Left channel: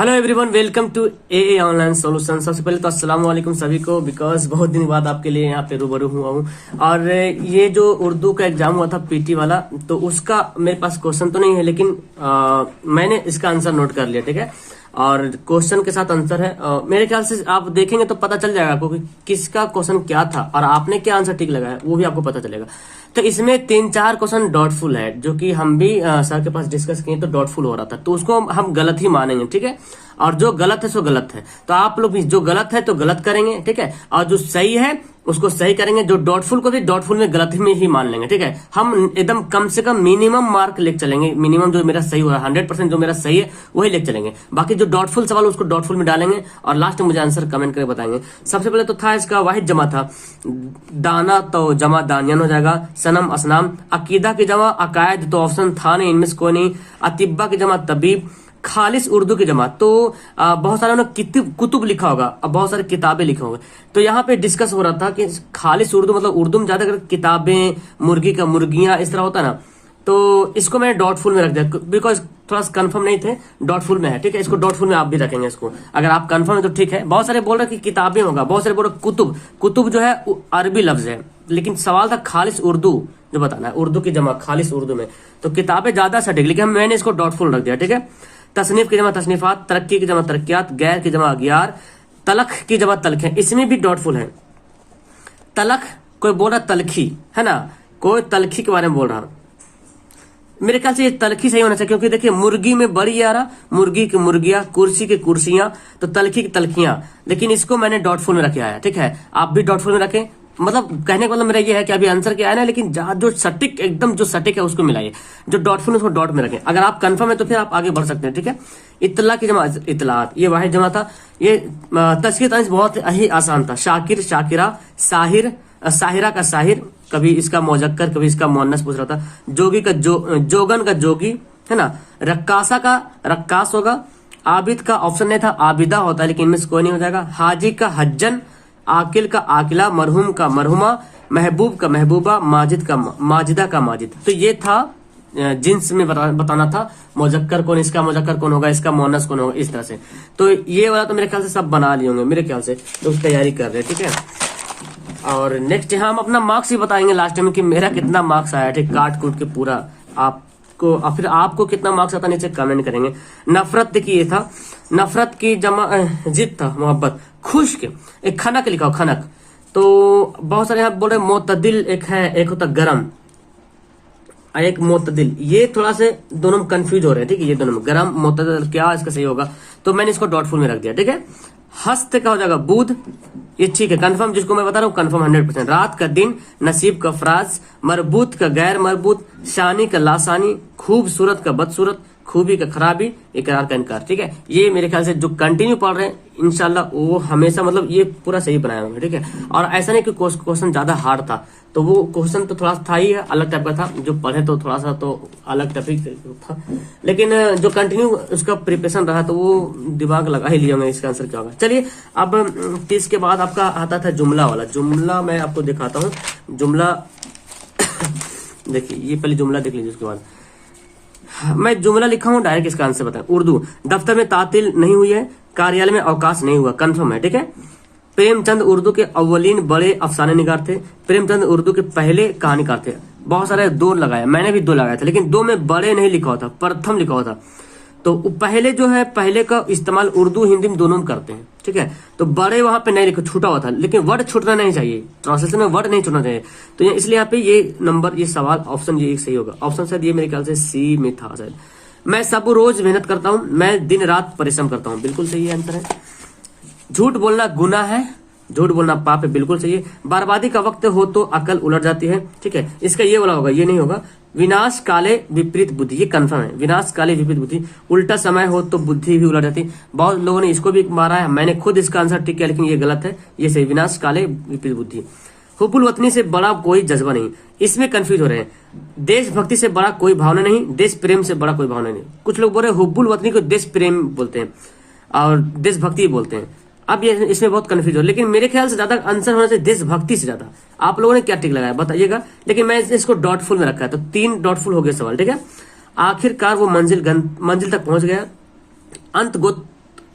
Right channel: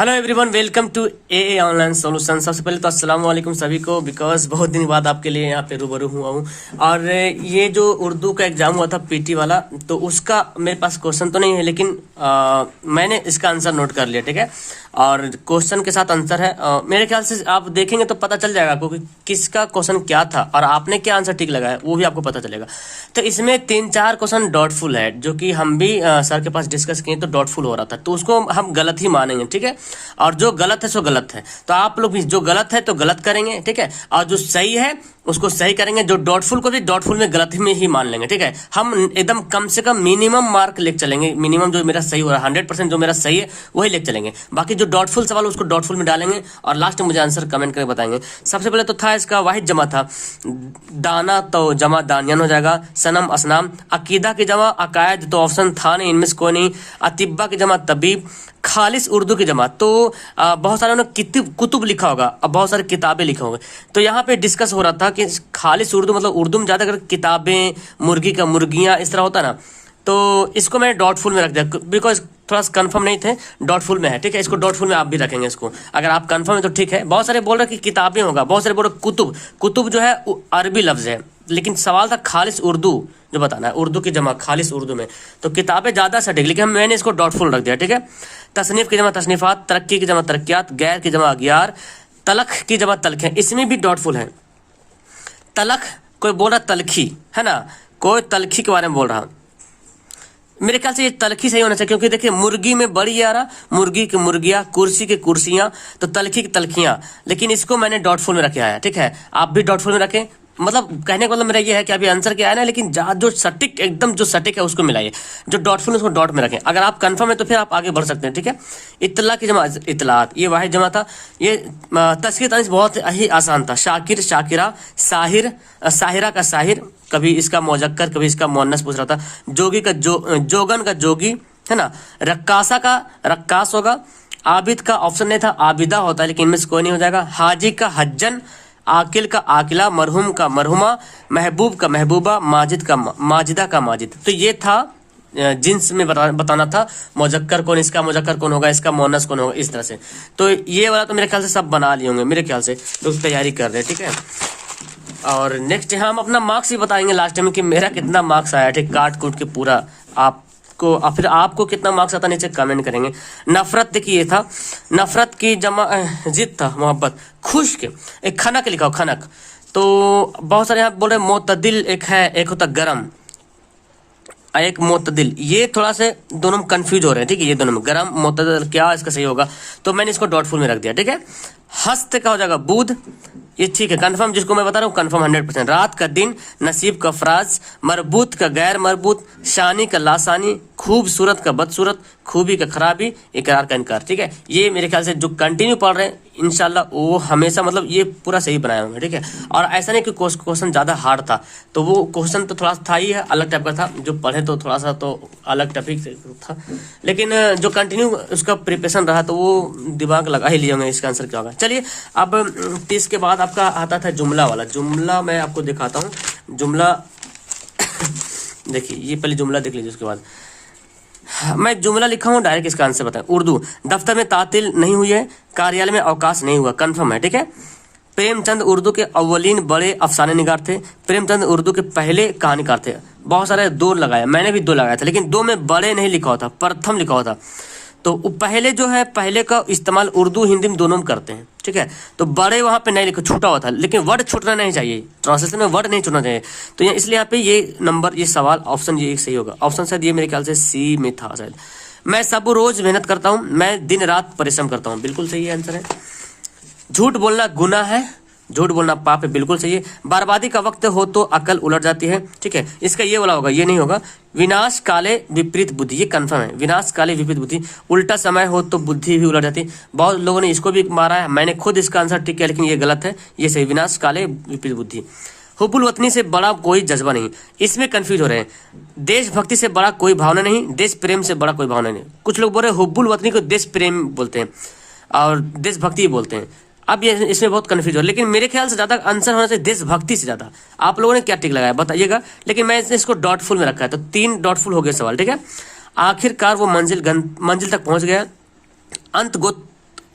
Hello everyone, welcome to a online solution. सबसे पहले तो अस्सलाम वालेकुम सभी को, बिकॉज बहुत दिन बाद आपके लिए यहाँ पे रूबरू हुआ हूँ। और ये जो उर्दू का एग्जाम हुआ था पीटी वाला, तो उसका मेरे पास क्वेश्चन तो नहीं है, लेकिन मैंने इसका आंसर नोट कर लिया, ठीक है। और क्वेश्चन के साथ आंसर है। मेरे ख्याल से आप देखेंगे तो पता चल जाएगा आपको कि किसका क्वेश्चन क्या था और आपने क्या आंसर ठीक लगाया, वो भी आपको पता चलेगा। तो इसमें 3-4 क्वेश्चन डॉटफुल है, जो कि हम भी सर के पास डिस्कस किए तो डॉटफुल हो रहा था, तो उसको हम गलत ही मानेंगे, ठीक है। और जो गलत है सो गलत है, तो आप लोग भी जो गलत है तो गलत करेंगे, ठीक है। और जो सही है उसको सही करेंगे, जो डॉटफुल को भी डॉटफुल में गलत में ही मान लेंगे, ठीक है। हम एकदम कम से कम मिनिमम मार्क लेके चलेंगे, मिनिमम जो मेरा सही हो रहा है 100% जो मेरा सही है वही लेके चलेंगे। बाकी जो डॉटफुल सवाल उसको डॉटफुल में डालेंगे और लास्ट में मुझे आंसर कमेंट करके बताएंगे। सबसे पहले तो था इसका वाहिद जमा था, दाना तो जमा दानियान हो जाएगा, सनम असनाम, अकीदा की जमा अकायद, तो ऑप्शन था नहीं, इनमें से कोई नहीं। अतिब्बा की जमा तबीब, खालिस उर्दू की जमा तो बहुत सारे कुतुब लिखा होगा, अब बहुत सारी किताबें लिखा होगा। तो यहाँ पे डिस्कस हो रहा था कि खालिस उर्दू मतलब उर्दू में ज्यादा किताबें, मुर्गी का मुर्गियां, इस तरह होता ना, तो इसको मैंने डॉटफुल में रख दिया, बिकॉज थोड़ा सा कंफर्म नहीं थे, डॉटफुल में है, ठीक है। इसको डॉटफुल में आप भी रखेंगे इसको, अगर आप कंफर्म है तो ठीक है। बहुत सारे बोल रहे कि किताबें होगा, बहुत सारे बोल रहे कुतुब, कुतुब जो है अरबी लफ्ज है, लेकिन सवाल था खालिस उर्दू जो बताना है, उर्दू की जमा खालिस उर्दू में, तो किताबें ज्यादा सटीक, लेकिन मैंने इसको डॉटफुल रख दिया, ठीक है। तसनीफ की जमा तसनीफात, तरक्की की जमा तरक्यात, गैर की जमा अगियार, तलख की जमा तलख है, इसमें भी डॉटफुल है। तलख कोई बोल रहा तलखी है ना, कोई तलखी के बारे में बोल रहा, मेरे ख्याल से ये तलखी सही होना चाहिए, क्योंकि देखिए मुर्गी में बड़ी आ रहा, मुर्गी की मुर्गियां, कुर्सी की कुर्सियां, तो तलखी की तलखियां, लेकिन इसको मैंने डॉटफुल में रखे आया, ठीक है। आप भी डॉटफुल में रखें, मतलब कहने का मतलब मेरा ये है कि अभी आंसर क्या है ना, लेकिन जो सटीक एकदम जो सटीक है उसको मिलाइए, जो डॉटफुल है उसको डॉट में रखें। अगर आप कंफर्म है तो फिर आप आगे बढ़ सकते हैं, ठीक है। इत्तला की जमा इतलात, ये वाहिद जमा था। ये तस्कीर तनीस बहुत ही आसान था, शाकिर शाकिरा, साहिर साहिरा का साहिर, कभी इसका मौजक्कर कभी इसका मुअन्नस पूछ रहा था। जोगी का जोगन का जोगी है ना, रक्कासा का रक्कास होगा। आबिद का ऑप्शन नहीं था, आबिदा होता है, लेकिन इनमें से कोई नहीं हो जाएगा। हाजी का हज्जन, आकिल का आकिला, मरहूम का मरहुमा, महबूब का महबूबा, माजिद का माजिदा का माजिद। तो ये था जिन्स में बताना था, मौजक्कर कौन, इसका मौजक्कर कौन होगा, इसका मुअन्नस कौन होगा, इस तरह से। तो ये वाला तो मेरे ख्याल से सब बना लिए होंगे, मेरे ख्याल से लोग तैयारी कर रहे हैं, ठीक है। और नेक्स्ट हम अपना मार्क्स ही बताएंगे लास्ट टाइम कि मेरा कितना मार्क्स आया, ठीक, काट कूट के पूरा आपको, और फिर आपको कितना मार्क्स आता नीचे कमेंट करेंगे। नफरत देखिए ये था, नफरत की जमा जिद था, मोहब्बत। खुश्क एक खनक लिखा हो, खनक, तो बहुत सारे यहाँ बोल रहे मोतदिल एक है, एक होता गरम, एक मोतदिल, ये थोड़ा से दोनों में कंफ्यूज हो रहे हैं, ठीक है। ये दोनों में गरम मोतदिल क्या इसका सही होगा, तो मैंने इसको डॉटफुल में रख दिया, ठीक है। हस्त का हो जाएगा बुध, ये ठीक है कंफर्म, जिसको मैं बता रहा हूँ कंफर्म 100%। रात का दिन, नसीब का फराज, मरबूत का गैर मरबूत, शानी का लासानी, खूबसूरत का बदसूरत, खूबी का खराबी, इकरार का इनकार, ठीक है। ये मेरे ख्याल से जो कंटिन्यू पढ़ रहे हैं इंशाल्लाह वो हमेशा मतलब ये पूरा सही बनाया होंगे, ठीक है। और ऐसा नहीं कि क्वेश्चन ज्यादा हार्ड था, तो वो क्वेश्चन तो थोड़ा था ही, अलग टाइप का था, जो पढ़े तो थोड़ा सा तो अलग टॉपिक था, लेकिन जो कंटिन्यू उसका प्रिपरेशन रहा तो वो दिमाग लगा ही लिए होंगे इसका आंसर क्या होगा। चलिए अब 30 के बाद आपका आता था जुमला वाला, जुमला मैं आपको दिखाता हूँ। जुमला देखिए, ये पहले जुमला देख लीजिए, उसके बाद मैं जुमला लिखा हूँ, डायरेक्ट इसका आंसर बताएं। उर्दू, दफ्तर में तातील नहीं हुई है, कार्यालय में अवकाश नहीं हुआ, कंफर्म है, ठीक है। प्रेमचंद उर्दू के अव्वलीन बड़े अफसाने निगार थे, प्रेमचंद उर्दू के पहले कहानीकार थे। बहुत सारे दो लगाए, मैंने भी दो लगाया था, लेकिन दो में बड़े नहीं लिखा होता, प्रथम लिखा होता। तो पहले जो है, पहले का इस्तेमाल उर्दू हिंदी में दोनों में करते हैं, ठीक है। तो बड़े वहां पे नहीं लिखा, छूटा हुआ था, लेकिन वर्ड छूटना नहीं चाहिए, ट्रांसलेशन में वर्ड नहीं छूटना चाहिए, तो इसलिए यहाँ पे ये नंबर, ये सवाल ऑप्शन ये एक सही होगा। ऑप्शन शायद ये मेरे ख्याल से सी में था शायद। मैं सब रोज मेहनत करता हूँ, मैं दिन रात परिश्रम करता हूँ, बिल्कुल सही आंसर है। झूठ बोलना गुनाह है, झूठ बोलना पाप है, बिल्कुल सही है। बर्बादी का वक्त हो तो अकल उलट जाती है, ठीक है। इसका ये वाला होगा, ये नहीं होगा। विनाश काले विपरीत बुद्धि, ये कंफर्म है, विनाश काले विपरीत बुद्धि। उल्टा समय हो तो बुद्धि भी उलट जाती है, बहुत लोगों ने इसको भी मारा है, मैंने खुद इसका आंसर ठीक किया, लेकिन ये गलत है, ये सही, विनाश काले विपरीत बुद्धि। हुब्बुल वतनी से बड़ा कोई जज्बा नहीं, इसमें कंफ्यूज हो रहे हैं। देशभक्ति से बड़ा कोई भावना नहीं, देश प्रेम से बड़ा कोई भावना नहीं। कुछ लोग बोल रहे हैं हुब्बुल वतनी को देश प्रेम बोलते हैं और देशभक्ति बोलते हैं, अब ये इसमें बहुत कंफ्यूज हो, लेकिन मेरे ख्याल से ज्यादा आंसर होना चाहिए देशभक्ति से ज्यादा। आप लोगों ने क्या टिक लगाया बताइएगा, लेकिन मैं इसको डॉटफुल में रखा है, तो 3 डॉटफुल हो गए सवाल, ठीक है। आखिरकार वो मंजिल तक पहुंच गया, अंत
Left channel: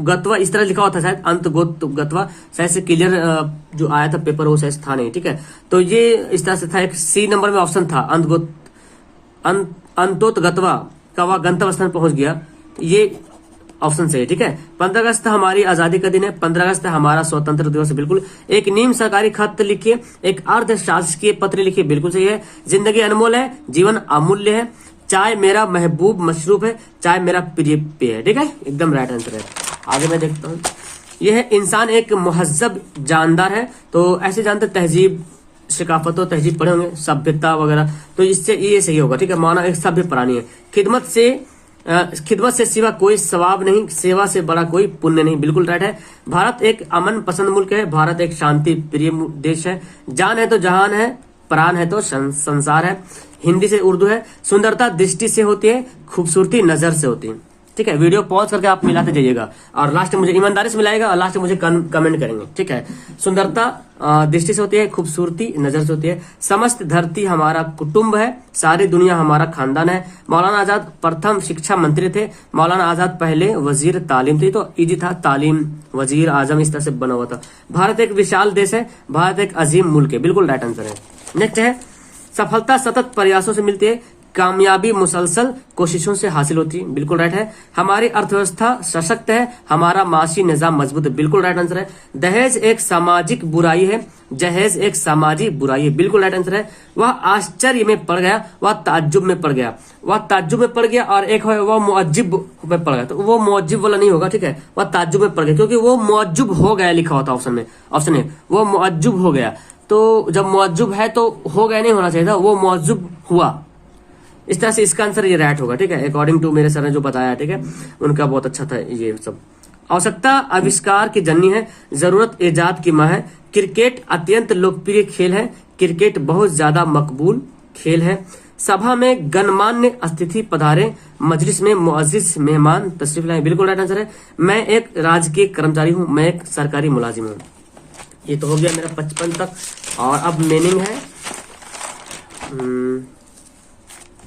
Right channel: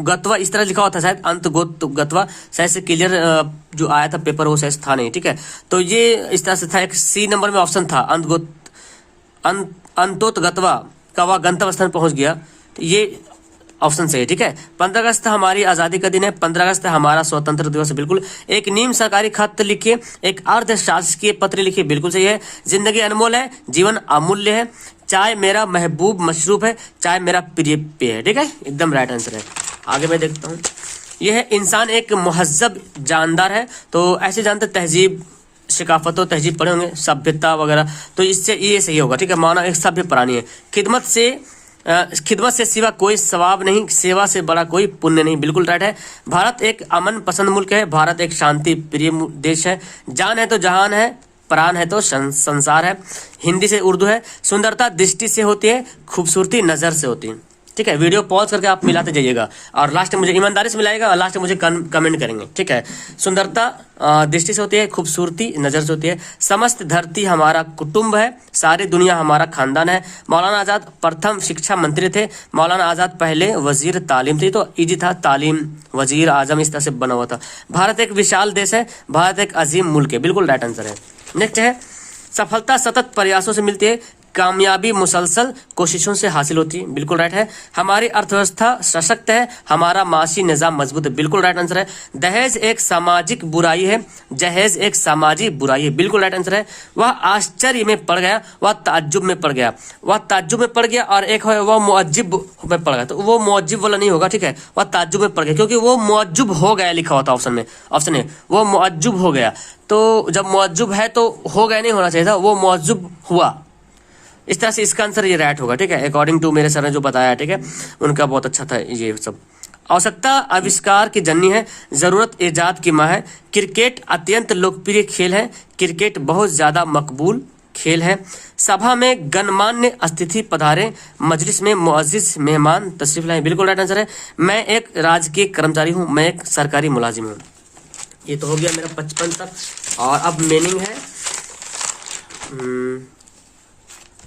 गत्वा इस तरह लिखा हुआ था शायद, अंत गोत गत्वा शायद से क्लियर जो आया था पेपर वो शायद था नहीं, ठीक है। तो ये इस तरह से था। एक सी नंबर में ऑप्शन था अंतोत गत्वा का वह गंतव्य स्थान पहुंच गया, तो ये ऑप्शन सही है, ठीक है। 15 अगस्त हमारी आजादी का दिन है, 15 अगस्त हमारा स्वतंत्र दिवस है, बिल्कुल। एक निम्न सरकारी खत लिखिए, एक अर्ध शासकीय पत्र लिखिए, बिल्कुल सही है। जिंदगी अनमोल है, जीवन अमूल्य है, चाय मेरा महबूब मशरूब है, चाय मेरा प्रिय पेय है, ठीक है, एकदम राइट आंसर है। आगे मैं देखता हूँ, यह है इंसान एक मुहज्जब जानदार है, तो ऐसे जानते तहजीब शिकाफतों तहजीब पढ़े होंगे, सभ्यता वगैरह, तो इससे ये सही होगा, ठीक है। माना एक सभ्य प्राणी है। खिदमत से सिवा कोई सवाब नहीं, सेवा से बड़ा कोई पुण्य नहीं, बिल्कुल राइट है। भारत एक अमन पसंद मुल्क है, भारत एक शांति प्रिय देश है। जान है तो जहान है, प्राण है तो संसार है। हिंदी से उर्दू है। सुंदरता दृष्टि से होती है, खूबसूरती नजर से होती है, ठीक है। वीडियो पॉज करके आप मिलाते जाइएगा और लास्ट में मुझे ईमानदारी से मिलाएगा और लास्ट में मुझे कमेंट करेंगे, ठीक है। सुंदरता दृष्टि से होती है, खूबसूरती नजर से होती है। समस्त धरती हमारा कुटुंब है, सारी दुनिया हमारा खानदान है। मौलाना आजाद प्रथम शिक्षा मंत्री थे, मौलाना आजाद पहले वजीर तालीम थे, तो इजी था, तालीम वजीर आजम इस तरह से बना हुआ था। भारत एक विशाल देश है, भारत एक अजीम मुल्क है, बिल्कुल राइट आंसर है। नेक्स्ट है, सफलता सतत प्रयासों से मिलती है, कामयाबी मुसलसल कोशिशों से हासिल होती है, बिल्कुल राइट है। हमारी अर्थव्यवस्था सशक्त है, हमारा माशी निजाम मजबूत है, बिल्कुल राइट आंसर है। दहेज एक सामाजिक बुराई है, जहेज एक सामाजिक बुराई है, बिल्कुल राइट आंसर है। वह आश्चर्य में पड़ गया, वह ताज्जुब में पड़ गया, वह ताज्जुब में पड़ गया, और एक है वह मुअज्जिब में पड़ गया, तो वो मुअज्जिब वाला नहीं होगा, ठीक है। वह ताज्जुब में पड़ गया क्योंकि वो मुअज्जुब हो गया लिखा हुआ था ऑप्शन में, ऑप्शन है वो मुअज्जुब हो गया। तो जब मुअज्जुब है तो हो गया नहीं होना चाहिए था, वो मुअज्जुब हुआ। इस तरह से इसका आंसर ये राइट होगा, ठीक है, अकॉर्डिंग टू मेरे सर ने जो बताया, ठीक है, उनका बहुत अच्छा था ये सब। आवश्यकता आविष्कार की जननी है, जरूरत इजाद की माँ है। क्रिकेट अत्यंत लोकप्रिय खेल है, क्रिकेट बहुत ज्यादा मकबूल खेल है। सभा में गणमान्य अतिथि पधारे, मजलिस में मुअज्जिज मेहमान तशरीफ लाए, बिल्कुल राइट आंसर है। मैं एक राजकीय कर्मचारी हूँ, मैं एक सरकारी मुलाजिम हूँ। ये तो हो गया मेरा 55 तक। और अब मीनिंग है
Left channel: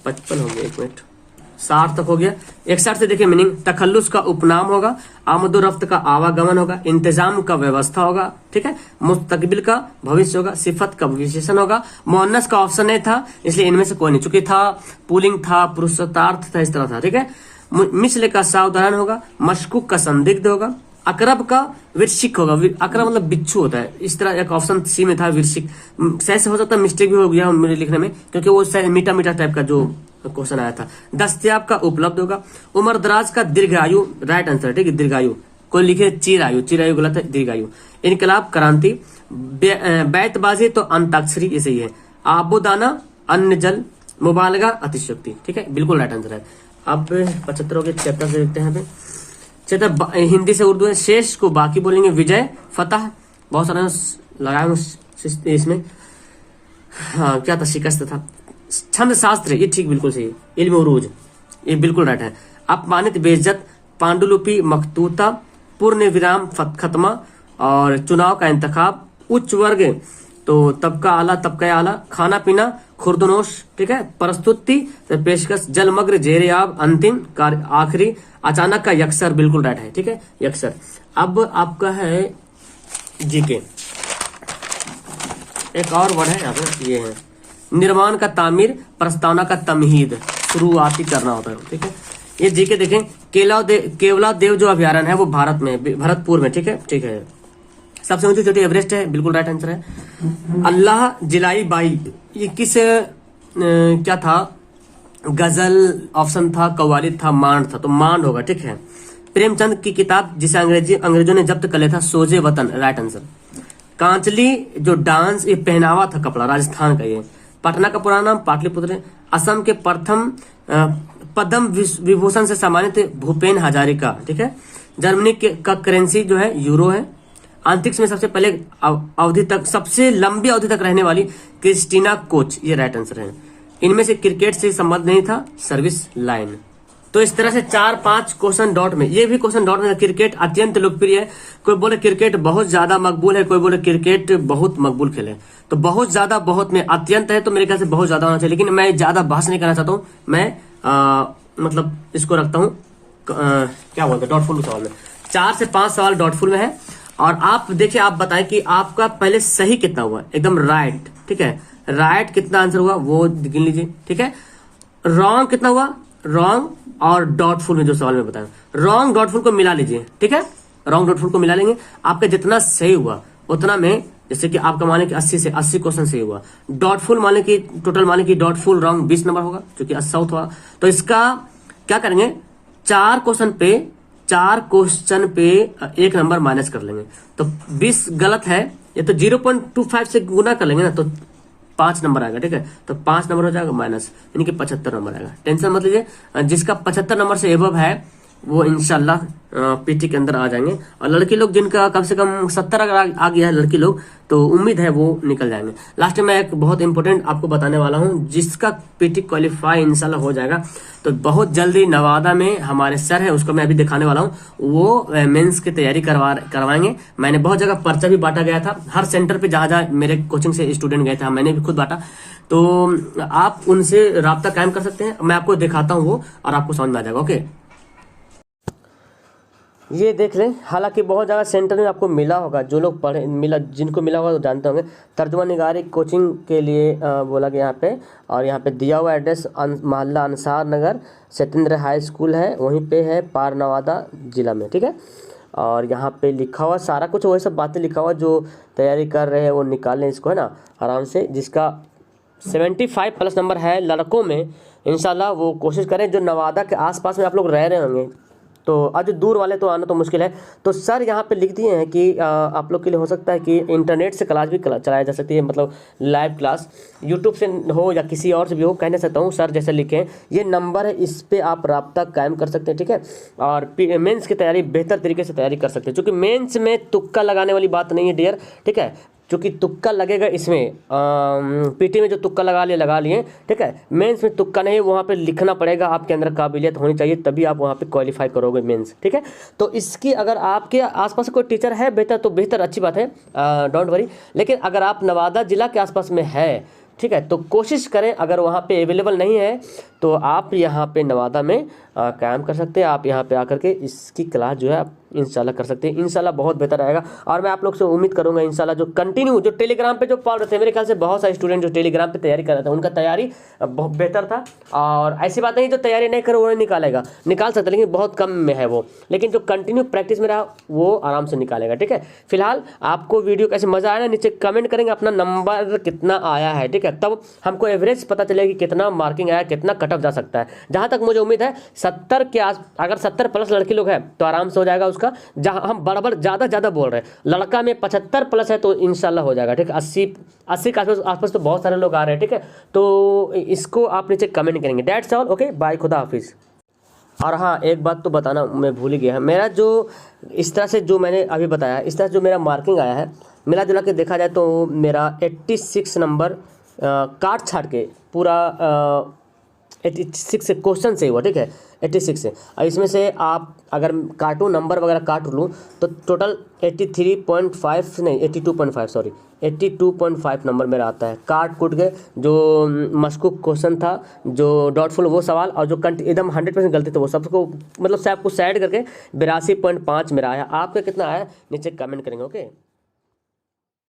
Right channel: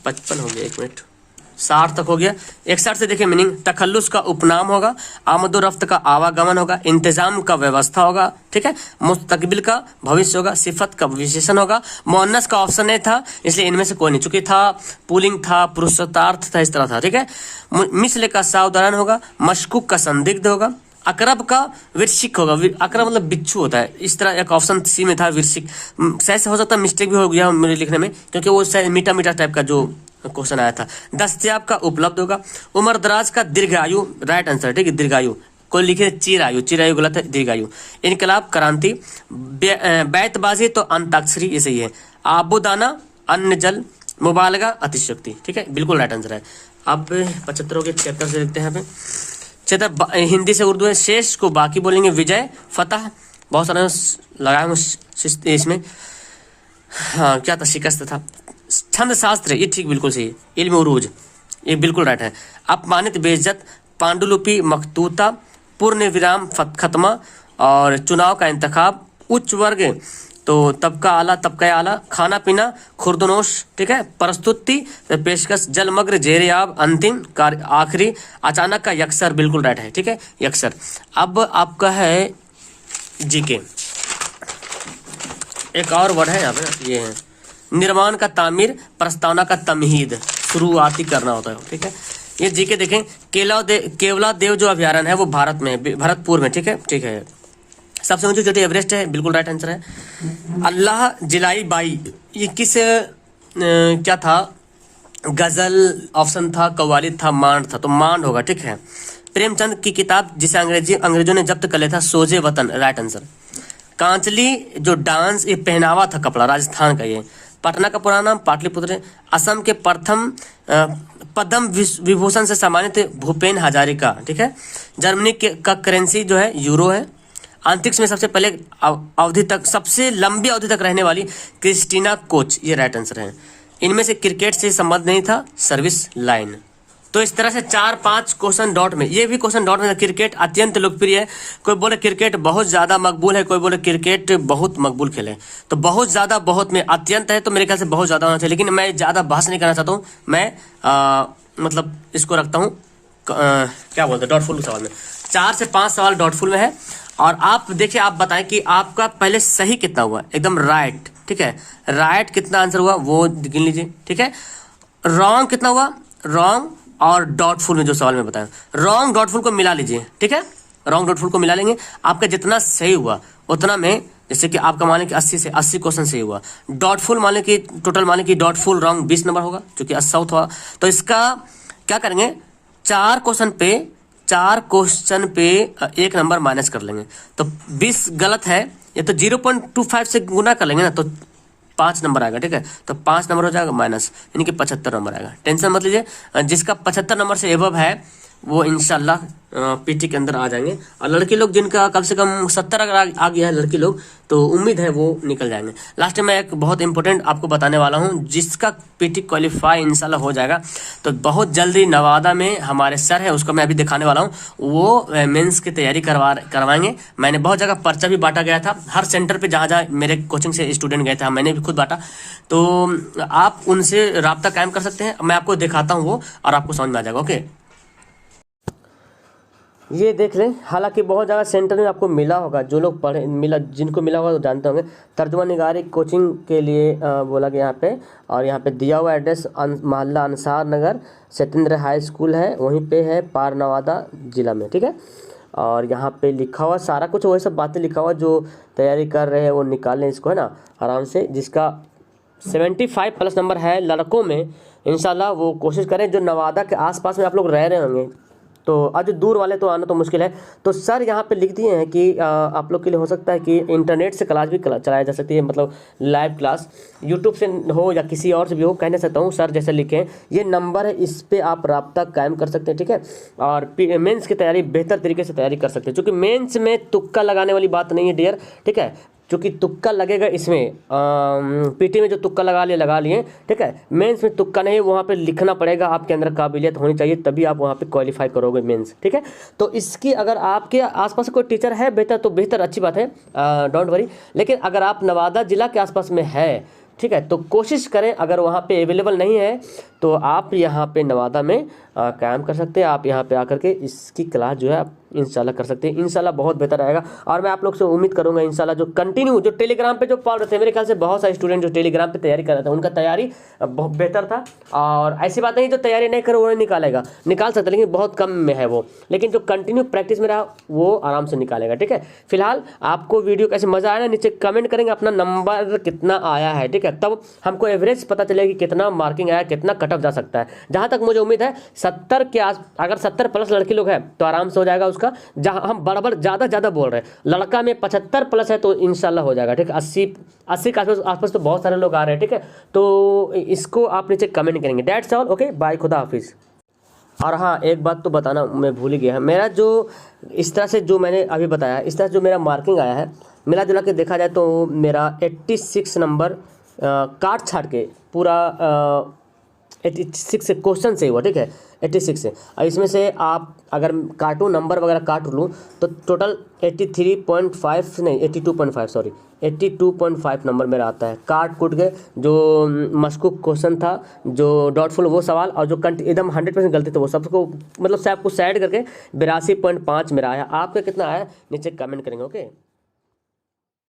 55 हो गया, 1 मिनट, 60 तक हो गया। 61 से देखिए मीनिंग, तखल्लुस का उपनाम होगा, आमदोरफ्त का आवागमन होगा, इंतजाम का व्यवस्था होगा, ठीक है, मुस्तकबिल का भविष्य होगा, सिफत का विशेषण होगा। मुअन्नस का ऑप्शन नहीं था इसलिए इनमें से कोई नहीं, चूंकि था पुल्लिंग था, पुरुषार्थ था, इस तरह था, ठीक है। मिस्ल का सावधान होगा, मशकूक का संदिग्ध होगा, अकरब का विरसिक होगा, अकरब मतलब बिच्छू होता है, इस तरह एक ऑप्शन सी में था विरसिक। शायद से हो सकता है मिस्टेक भी हो गया मेरे लिखने में, क्योंकि वो शायद मीठा मीठा टाइप का जो क्वेश्चन आया था। दस्तयाब का उपलब्ध होगा, उम्र दराज का दीर्घायु, राइट आंसर, ठीक है, दीर्घायु। कोई लिखे चिरायु, चिरायु गलत है, दीर्घायु। इनकलाब क्रांति, बैतबाजी तो अंताक्षरी, ये सही है। आबोदाना अन्न जल, मुबालगा अतिशक्ति, ठीक है, बिल्कुल राइट आंसर है। अब 75 के चैप्टर से देखते हैं। क्षेत्र हिंदी से उर्दू है। शेष को बाकी बोलेंगे, विजय फतह, बहुत सारा लगाया हूँ इसमें, हाँ क्या था, शिकस्त था। छंद शास्त्र, ये ठीक बिल्कुल सही है। इल्म उरूज, ये बिल्कुल राइट है। अपमानित बेइज्जत, पांडुलिपि मखतूता, पूर्ण विराम खत्मा, और चुनाव का इंतखाब, उच्च वर्ग तो तबका आला, तबका आला, खाना पीना, खुर्दनोश, ठीक है, प्रस्तुति पेशकश, जलमग्न जेरियाब, अंतिम कार्य आखिरी, अचानक का यक्सर, बिल्कुल राइट है, ठीक है, यक्सर। अब आपका है जीके, एक और वर्ड है यहाँ पे, ये है निर्माण का तामीर, प्रस्तावना का तमहीद, शुरुआती करना होता है, ठीक है। ये जीके देखें, केवला देव जो अभ्यारण्य है वो भारत में, भरतपुर में, ठीक है, ठीक है। सबसे ऊंची चोटी एवरेस्ट है, बिल्कुल राइट आंसर है। अल्लाह जिलाई बाई, ये किस क्या था, गजल ऑप्शन था, कव्वाली था, मांड था, तो मांड होगा, ठीक है। प्रेमचंद की किताब जिसे अंग्रेजों ने जब्त कर लिया था, सोजे वतन, राइट आंसर। कांचली जो डांस, ये पहनावा था, कपड़ा, राजस्थान का। ये पटना का पुराना नाम पाटलिपुत्र। असम के प्रथम पद्म विभूषण से सम्मानित भूपेन हजारिका, ठीक है। जर्मनी का करेंसी जो है यूरो है। अंतरिक्ष में सबसे पहले अवधि तक, सबसे लंबी अवधि तक रहने वाली क्रिस्टीना कोच, ये राइट आंसर है। इनमें से क्रिकेट से संबंध नहीं था, सर्विस लाइन। तो इस तरह से 4-5 क्वेश्चन डॉट में, ये भी क्वेश्चन डॉट में। क्रिकेट अत्यंत लोकप्रिय है, कोई बोले क्रिकेट बहुत ज्यादा मकबूल है, कोई बोले क्रिकेट बहुत मकबूल खेल है। तो बहुत ज्यादा, बहुत में अत्यंत है, तो मेरे ख्याल से बहुत ज्यादा होना चाहिए, लेकिन मैं ज्यादा बहस नहीं करना चाहता हूँ। मैं मतलब इसको रखता हूँ क्या बोलते हैं डॉटफुल सवाल में, 4 से 5 सवाल डॉटफुल में है। और आप देखिए, आप बताएं कि आपका पहले सही कितना हुआ, एकदम राइट, ठीक है, राइट कितना आंसर हुआ वो गिन लीजिए, ठीक है। रॉन्ग कितना हुआ, रॉन्ग और डॉटफुल में जो सवाल में बताया, रॉन्ग डॉटफुल को मिला लीजिए, ठीक है, रॉन्ग डॉटफुल को मिला लेंगे, आपका जितना सही हुआ उतना में, जैसे कि आपका मान लें कि 80 से 80 क्वेश्चन सही हुआ, डॉटफुल मान लें कि टोटल मान लें कि डॉटफुल रॉन्ग 20 नंबर होगा, क्योंकि 80 हुआ, तो इसका क्या करेंगे, 4 क्वेश्चन पे 1 नंबर माइनस कर लेंगे, तो 20 गलत है, ये तो 0.25 से गुना कर लेंगे ना, तो 5 नंबर आएगा, ठीक है, तो 5 नंबर हो जाएगा माइनस, यानी कि 75 नंबर आएगा। टेंशन मत लीजिए, जिसका 75 नंबर से एबव है वो इंशाल्लाह पीटी के अंदर आ जाएंगे। और लड़के लोग जिनका कम से कम 70 अगर आ गया है लड़की लोग, तो उम्मीद है वो निकल जाएंगे। लास्ट में मैं एक बहुत इंपॉर्टेंट आपको बताने वाला हूं, जिसका पीटी क्वालिफाई इंशाल्लाह हो जाएगा, तो बहुत जल्दी नवादा में हमारे सर है, उसको मैं अभी दिखाने वाला हूँ, वो मेंस की तैयारी करवाएंगे। मैंने बहुत जगह पर्चा भी बांटा गया था, हर सेंटर पे जहाँ जहाँ मेरे कोचिंग से स्टूडेंट गए थे, मैंने भी खुद बांटा, तो आप उनसे रब्ता कायम कर सकते हैं। मैं आपको दिखाता हूँ वो, और आपको समझ में आ जाएगा। ओके, ये देख लें, हालांकि बहुत ज़्यादा सेंटर में आपको मिला होगा, जो लोग पढ़े मिला, जिनको मिला होगा वो जानते होंगे। तर्जुमा निगारी कोचिंग के लिए बोला गया यहाँ पे, और यहाँ पे दिया हुआ एड्रेस मोहल्ला अंसार नगर, सत्येंद्र हाई स्कूल है, वहीं पे है, पार नवादा जिला में, ठीक है। और यहाँ पे लिखा हुआ सारा कुछ वही सब बातें लिखा हुआ, जो तैयारी कर रहे हैं वो निकाल लें इसको, है ना, आराम से। जिसका 75 प्लस नंबर है लड़कों में, इंशाल्लाह वो कोशिश करें। जो नवादा के आसपास में आप लोग रह रहे होंगे, तो आज दूर वाले तो आना तो मुश्किल है, तो सर यहाँ पे लिख दिए हैं कि आप लोग के लिए हो सकता है कि इंटरनेट से क्लास भी चलाया जा सकती है, मतलब लाइव क्लास यूट्यूब से हो या किसी और से भी हो, कहने सकता हूँ सर जैसे लिखे हैं। ये नंबर है, इस पर आप रब्ता कायम कर सकते हैं, ठीक है। और मेंस की तैयारी बेहतर तरीके से तैयारी कर सकते हैं, क्योंकि मेंस में तुक्का लगाने वाली बात नहीं है डियर, ठीक है। क्योंकि तुक्का लगेगा इसमें, पीटी में जो तुक्का लगा लिए, ठीक है। मेंस में तुक्का नहीं, वहाँ पे लिखना पड़ेगा, आपके अंदर काबिलियत होनी चाहिए, तभी आप वहाँ पे क्वालिफाई करोगे मेंस, ठीक है। तो इसकी अगर आपके आसपास कोई टीचर है बेहतर, तो बेहतर, अच्छी बात है, डोंट वरी। लेकिन अगर आप नवादा जिला के आसपास में है, ठीक है, तो कोशिश करें, अगर वहाँ पे अवेलेबल नहीं है तो आप यहाँ पे नवादा में कायम कर सकते हैं। आप यहाँ पे आकर के इसकी क्लास जो है आप इंशाल्लाह कर सकते हैं, इंशाल्लाह बहुत बेहतर रहेगा। और मैं आप लोग से उम्मीद करूँगा इंशाल्लाह जो कंटिन्यू जो टेलीग्राम पे जो पढ़ रहे थे, मेरे ख्याल से बहुत सारे स्टूडेंट जो टेलीग्राम पे तैयारी कर रहे थे, उनका तैयारी बहुत बेहतर था। और ऐसी बात नहीं जो तैयारी नहीं करे वो नहीं निकालेगा, निकाल सकते, लेकिन बहुत कम में है वो, लेकिन जो कंटिन्यू प्रैक्टिस में रहा वो आराम से निकालेगा, ठीक है। फिलहाल आपको वीडियो कैसे मजा आया ना, नीचे कमेंट करेंगे अपना नंबर कितना आया है, ठीक है, तब हमको एवरेज पता चलेगा कि कितना मार्किंग आया, कितना कट ऑफ जा सकता है। जहाँ तक मुझे उम्मीद है 70 के आस, अगर 70 प्लस लड़की लोग हैं तो आराम से हो जाएगा उसका। जहाँ हम बराबर ज़्यादा बोल रहे हैं, लड़का में 75 प्लस है तो इंशाल्लाह हो जाएगा, ठीक है। 80 के आसपास तो बहुत सारे लोग आ रहे हैं, ठीक है। तो इसको आप नीचे कमेंट करेंगे। दैट्स ऑल, ओके, बाय, खुदा हाफिज़। और हाँ, एक बात तो बताना मैं भूल ही गया है, मेरा जो इस तरह से जो मैंने अभी बताया, इस तरह से जो मेरा मार्किंग आया है, मिला जुला के देखा जाए तो मेरा 86 नंबर काट छाट के पूरा 86 क्वेश्चन से हुआ, ठीक है, 86 से। और इसमें से आप अगर काटूँ नंबर वगैरह काट लूँ तो टोटल 83.5 नहीं 82.5 सॉरी 82.5 नंबर मेरा आता है। काट कूट के जो मशकूक क्वेश्चन था, जो डॉटफुल वो सवाल, और जो एकदम 100% गलती था वो सबको, मतलब सब कुछ साइड करके 82.5 मेरा आया। आपका कितना आया नीचे कमेंट करेंगे, ओके।